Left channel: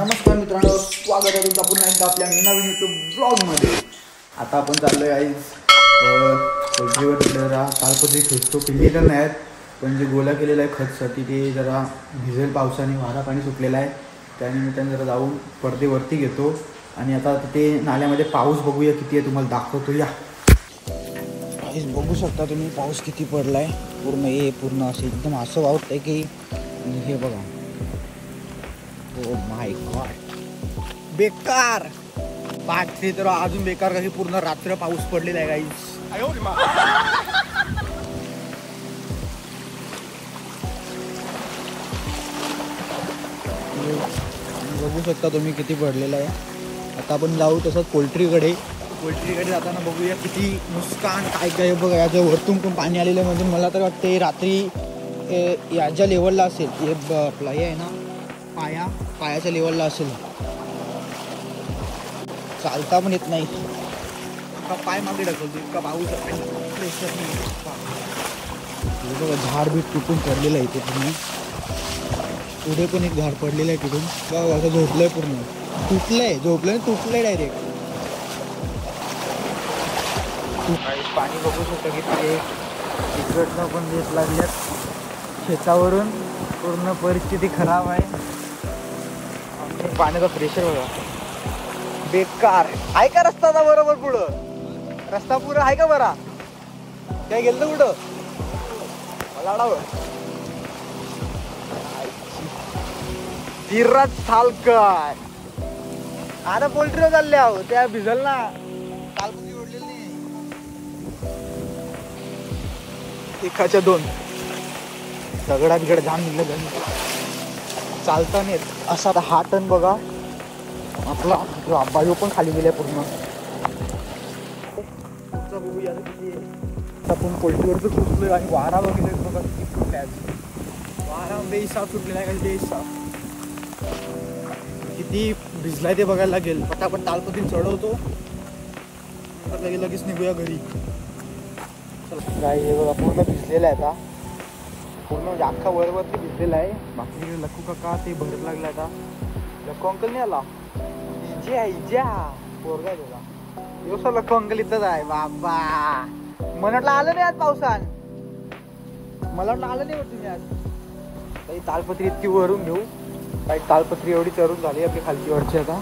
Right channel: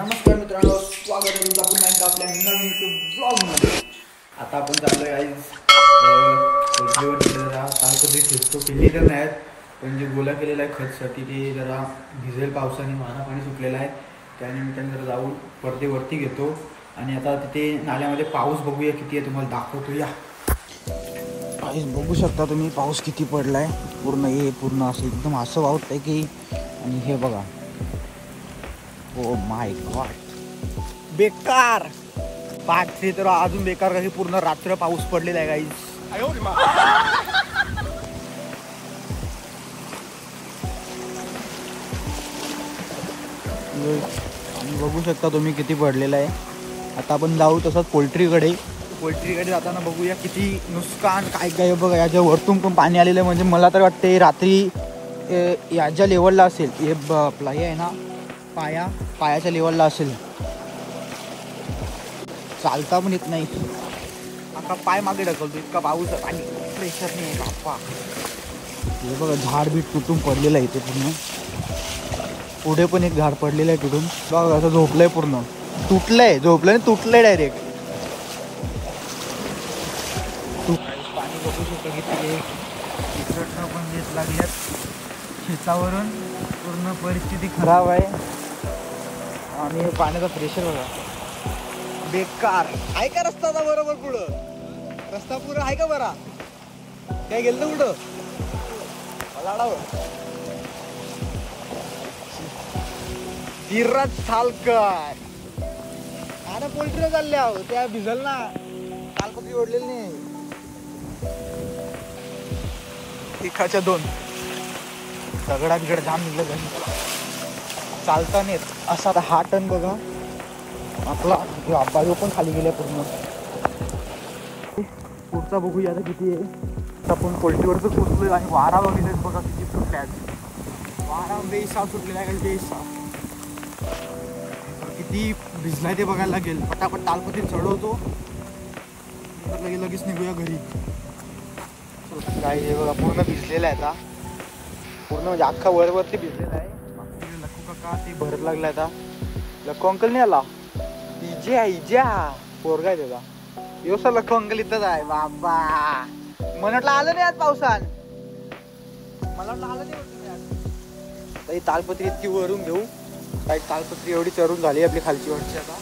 नमस्कार मित्रांनो, स्वागत आहे तुमचं पुन्हा एकदा आपल्या नवीन यूट्यूब ब्लॉगमध्ये. आता आपण चाललोय आज जरा तालपत्री खेचतो. पिल्ली तर नाही आहेत, पण जे गोला केलेला आहे खतसाठी ते जरा भिजेल पावसाने, वारा पाणी सुटलेला आहे. त्यानिमित्ताने जरा जाऊन पडदे वरती घेतो आणि आता तिथे नाल्यामध्ये पाऊस बघूया किती आहे, तुम्हाला दाखवतो. या पाऊस बघू शकता तुम्ही, पाऊस किती पडलाय. पूर्ण असं एकदम असं वाहत आहे की, आणि हे बघा, ओ माय गॉड, बेकार पाचशे तर अजून बेकार. काही पूर्ण रात्र पाऊस पडलेला आहे गाईज. बघू शकता तुम्ही किती पडलेला आहे. आता आपण जाऊ तसंच पोल्ट्रीकडे जाताना बघूया किती नुकसान काय काय. बघा याच्या वरतून पण पाणी आलेलं आहे. म्हणजे मला तर वाटते रात्री याच्या लेवलला असेल. हे आपला हे आहे ना, पायाच्या लेवलला असेल. चालता पण येत नाही, आता पाय मागे ढकलतो, इतका पाऊस आणि प्रेशर नाही. हे बघा झाड बीट तुटून पडलेलं आहे इथे पूर्ण. पुढे पण एक झाड पडलेलं आहे तुटून. बघा असं झोपलंय, पूर्ण तुटलंय डायरेक्ट. पाणी बघू शकता किती इकडं पण येत लागल्या शेतावरून. पूर्ण परिस्थिती खराब आहे आणि पाण्याचा प्रेशर बेकार आहे. का रस्ता बरोबर पुढं रस्ता पुढं आहे का बरा? काय गेलं कुठं फिरत सालकर. आता पोल्ट्रीवर चालले आहो, त्या भिजल ना, तालपत्री ओढलेली नाही. एकाच्या दोन दगडा बिगड धान निघलं चालता नाही. तसा आता हा टन बघा आपला बाजू पण खाली गेल्या पूर्ण. पुढचा बघूया आता किती आहे. आपण पोल्ट्रीवरच पोचलोय आणि वारा बघितलं बघा किती सुटल्या. वारा बेहिसाब सुटलेला आहे, बेहिसाब. किती भिजलाय ते बघायला लागेल. पटापट तालपत्री चढवतो, लगेच निघूया घरी. गाई हे बघा पूर्ण भिजलेला आहे. आता पूर्ण म्हणजे अख्खा वरवरती भिजलेला आहे. बाकी लक्कू काका ते भरत लागला. आता लक्कू अंकल नाही आला, इजा पोरगा आहे त्याचा. दिवसा लक्कू अंकल इथंच आहे. बाबा मला वाटलं आलं नाही आज पावसात, मला वाटलं आलं नाही तुम्ही आज. तरी तालपत्री इतकी वरून घेऊ, काही तालपत्री एवढी चरून झाली आपली खालची वरची. आता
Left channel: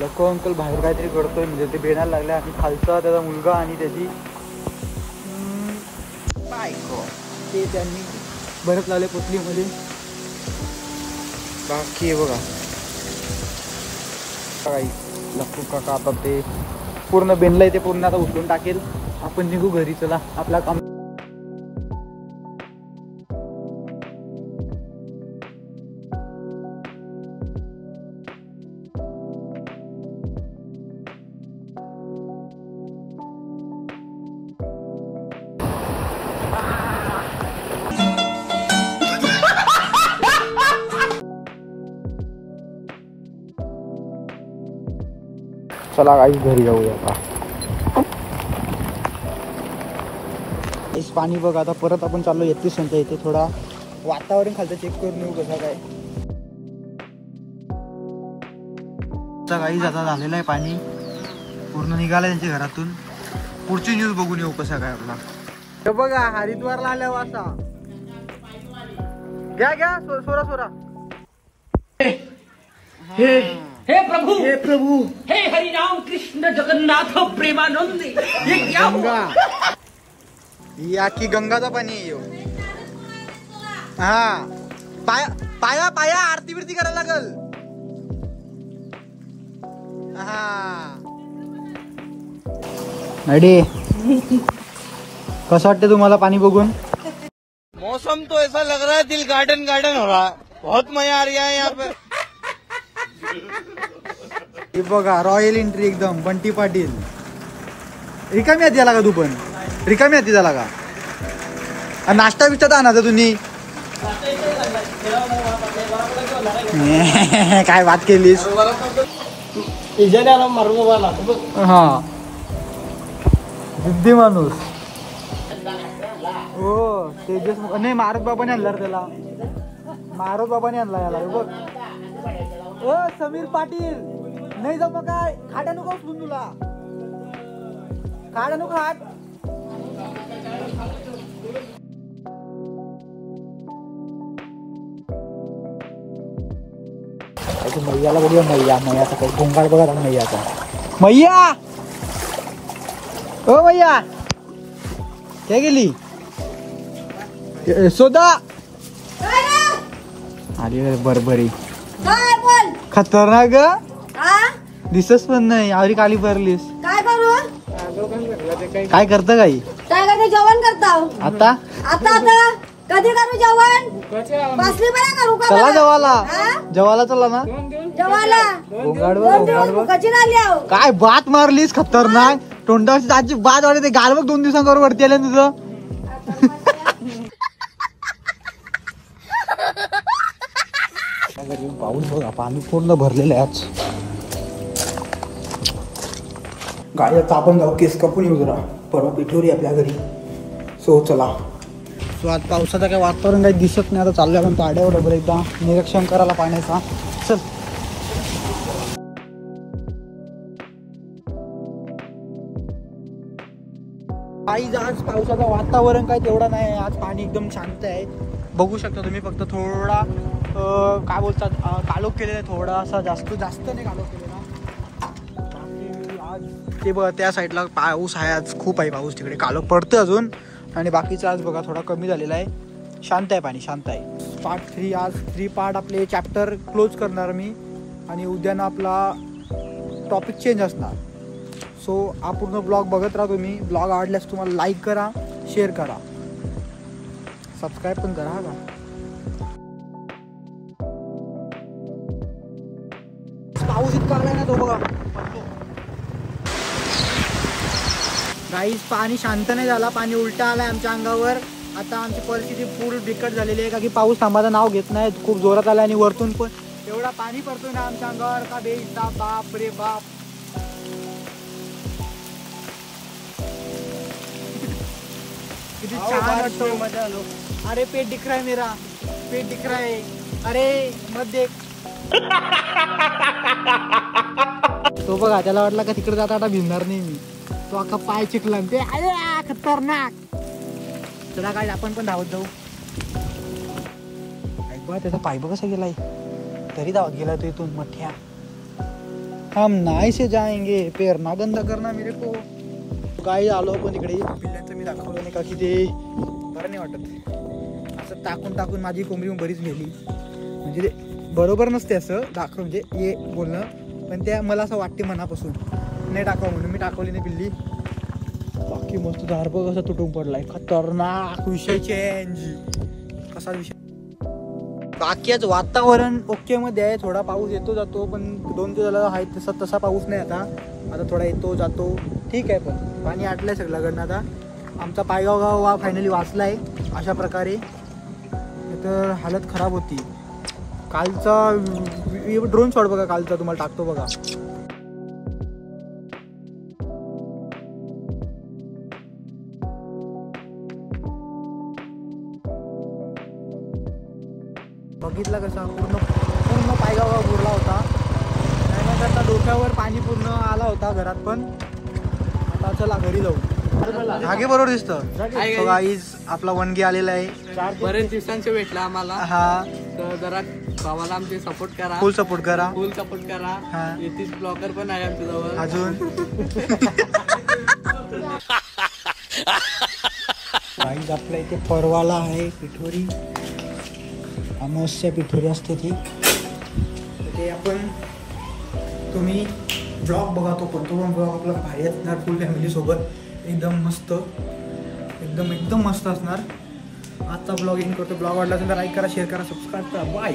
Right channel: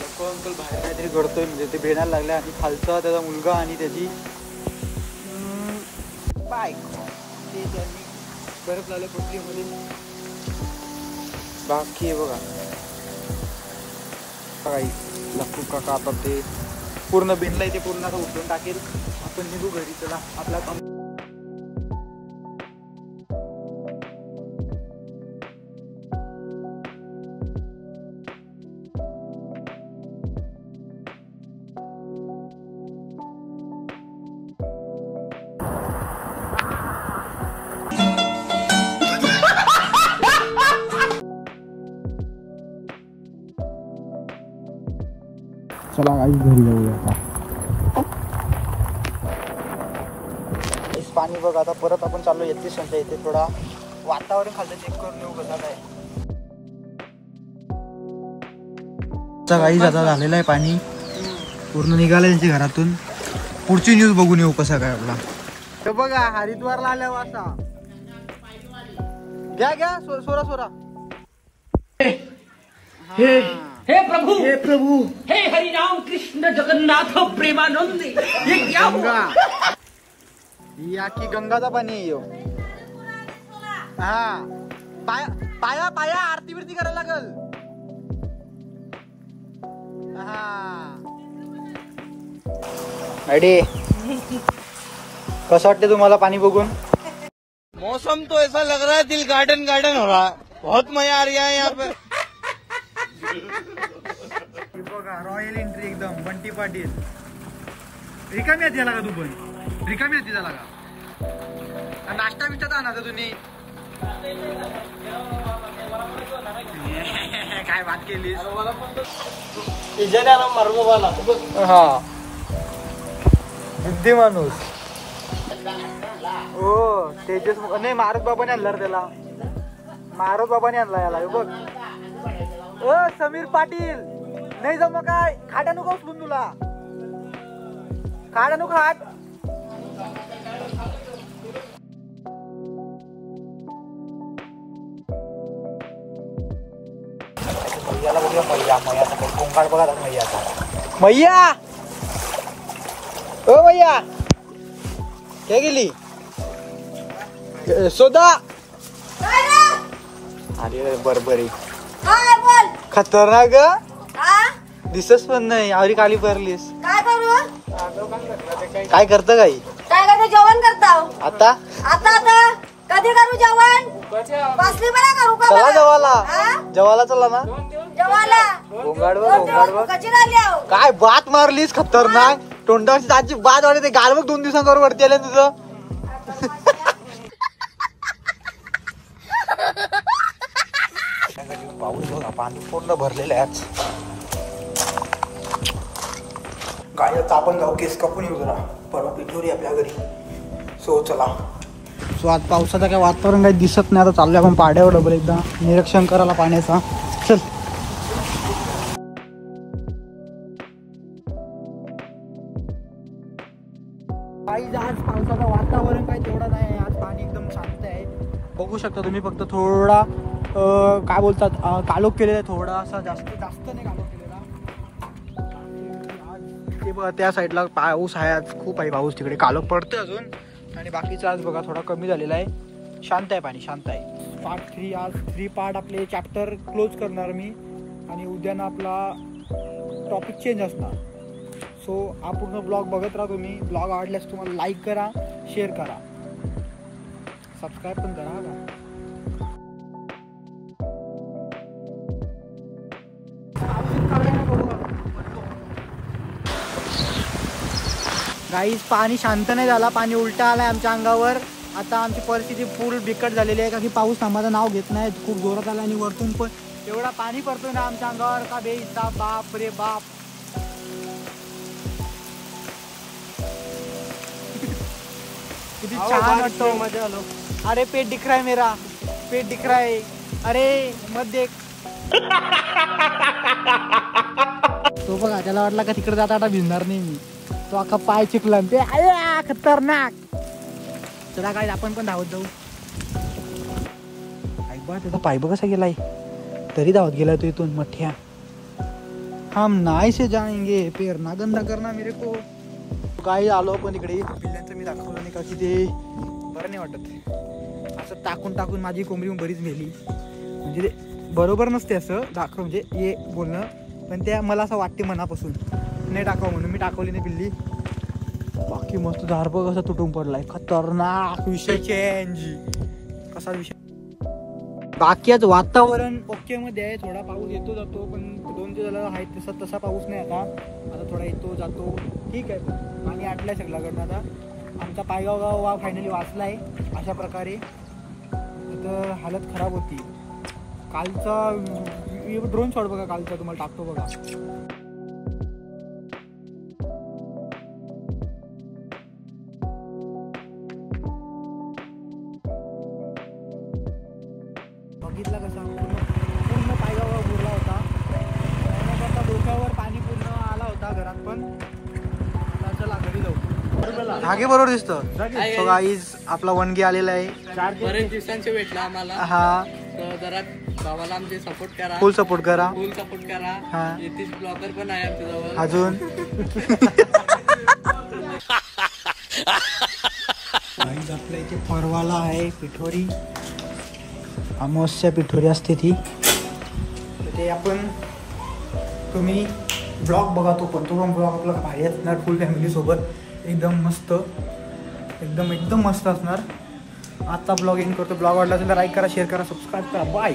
लक्कू अंकल बाहेर काहीतरी करतोय, म्हणजे ते बेनायला लागला. आणि खालचा त्याचा मुलगा आणि त्याची बायको ते त्यांनी भरत लावले पोटलीमध्ये. बाकी आहे बघा काही लक्कू काका आता ते पूर्ण बेनलंय, ते पूर्ण आता उचलून टाकेल. आपण निघू घरी. चला आपला काम. चला काही घरी जाऊया आता. पाणी बघा आता परत आपण चाललो येते संख्या. इथे थोडा वातावरण खालचं चेक करून येऊ कसं काय. काही जाता झालेलं आहे, पाणी पूर्ण निघालं त्यांच्या घरातून. पुढची न्यूज बघून येऊ कसा काय आपला. हे बघा हरिद्वारला आल्यावर असा घ्या सोरा हे प्रभु हे हरि राम कृष्ण जगन्नाथ प्रेमानंद. ये क्या हुआ? या की गंगाचा पाणी येऊ. हा पाया आरती बिरती करायला लागल. हा रेडी. कसं वाटतं तुम्हाला पाणी बघून? मौसम तो ऐसा लग रहा है दिल गार्डन हो रहा है. बहुत मजा आ रहा है यहाँ पे. बघा रॉयल एंट्री एकदम. बंटी पाटील रिकामी हाती झाला का? तू पण रिकामी हाती झाला का? नाश्ता बिष्टा आणायचा तुम्ही? काय बात केलीस? हा जिद्दी माणूस. हो तेजस नाही, मारुत बाबाने आणला त्याला. मारुत बाबाने आणला याला. बघ समीर पाटील नाही जम काय खाड्या नको उचलून तुला खाड्या नको हात मैयाला बघूया मैयाचा काही गोंगाट बघा मैयाचा मैया हो मैया हे गेली यशोदा बरोबरी खतरनाक दिसच पण नाही आवरी काळी भरलीस काय करू काय करत काही काय करते जेवण करता आता आता आता कधी करू जेवण बसली बरं करू का चला मला जेवायला हा? जेवायला चला ना जेवायला 2 दिवस भुकाची राहिली आहो काय बात मारलीस खतरनाक तोंडाची बात आली ते गालवा 2 दिवसावर वरतेला तुझं पाऊस बघा पाणी पूर्ण भरलेलं आहे आज गाडी आता आपण जाऊ केस कापून येऊ जरा परवा पिठोरी आपल्या घरी सो चला सो आज पावसाचं काय वातावरण काही दिसत नाही आता चाललोय आपण पाड्यावर डबल एकदा निरीक्षण करायला पाण्याचा चल आज पावसाचं वातावरण काय तेवढा नाही आज पाणी एकदम शांत आहे बघू शकता तुम्ही फक्त थोडा काय बोलतात कालोख केलेला आहे थोडा असा जास्त नाही कालोख केलेला आज ते बघा त्या साईडला पाऊस आहे आज खूप आहे पाऊस तिकडे कालोख पडतोय अजून आणि बाकीचा आज बघा थोडा कमी झालेला आहे शांत आहे पाणी शांत आहे पार्ट 3 आज 3 पार्ट आपले चॅप्टर क्लोज करणार मी आणि उद्या ना आपला टॉपिक चेंज असणार सो हा पूर्ण ब्लॉग बघत राहा तुम्ही ब्लॉग आवडल्यास तुम्हाला लाईक करा शेअर करा सबस्क्राईब पण करा का पाऊस इतका नाही तो बघा गाईस पाणी शांत नाही झाला पाणी उलटा आलाय आमच्या अंगावर आता आमची परिस्थिती फुल बिकट झालेली आहे का की पाऊस थांबाचं नाव घेत नाही खूप जोरात आला आणि वरतून पण एवढा पाणी पडतोय ना आमच्या अंगावर का बेहिसाब बाप रे बाप किती छान वाटतो मजा आलो अरे पेट दिख रहा है मेरा पेट दिख रहा है अरे मत देख तो बघा त्याला वाटला का तिकडे जाता आता भिजणार नाही मी तो अख्खा पाय चिकला ते आया खतरनाक चला काय आपण पण धावत जाऊ ऐक बा त्याचा पाय कसा गेलाय तरी धावत गेला तो इथून मथ्या हम नाही से जाएंगे पेर ना गंदा करना मेरे को काय आलो पण इकडे पिल्ल्यांचं मी दाखवलं नाही का की ते बरं नाही वाटत असं टाकून माझी कोंबडी बरीच मेली म्हणजे ते बरोबर नसते असं दाखव म्हणजे हे बोलणं पण त्या मला असं वाटते मनापासून नाही टाकावं म्हणून मी टाकवली नाही पिल्ली बाकी मस्त झारप कसा तुटून पडलाय खतरनाक विषय चेंज कसा विषय बाकी आज वातावरण ओके मध्ये आहे थोडा पाऊस येतो जातो पण 2 दिवस झाला आहे तसा पाऊस नाही आता थोडा येतो जातो ठीक आहे पण पाणी आटलंय सगळ्याकडनं आता आमचा पायगाव गाव हा फायनली वाचलाय अशा प्रकारे तर हालत खराब होती कालचा ड्रोन शॉट बघा कालचा तुम्हाला टाकतो बघा बघितला कसा पूर्ण पायगाव बुरला होता त्यानंतर डोक्यावर पाणी पूर्ण आला होता घरात पण चला घरी जाऊ धागे बरोबर दिसतं गाईज आपला वनगी आलेला आहे बरेच दिवसांचे भेटला आम्हाला हा तर जरा भावाला आमचे सपोर्ट करा फुल सपोर्ट करा हा येथील ब्लॉगर पण आहे आमच्या जवळ अजून गाईज आपल्या इथे परवाला आहे पिठोरी अमावस्या पिठोरी असते ती ते आपण तुम्ही ब्लॉग बघा तो पण ब्लॉग आपला भारी असणार फुल फॅमिली सोबत एकदम मस्त असणार आजचा ब्लॉग एंड करतो ब्लॉग आवडला असेल तर लाईक करा शेअर करा सबस्क्राईब करा बाय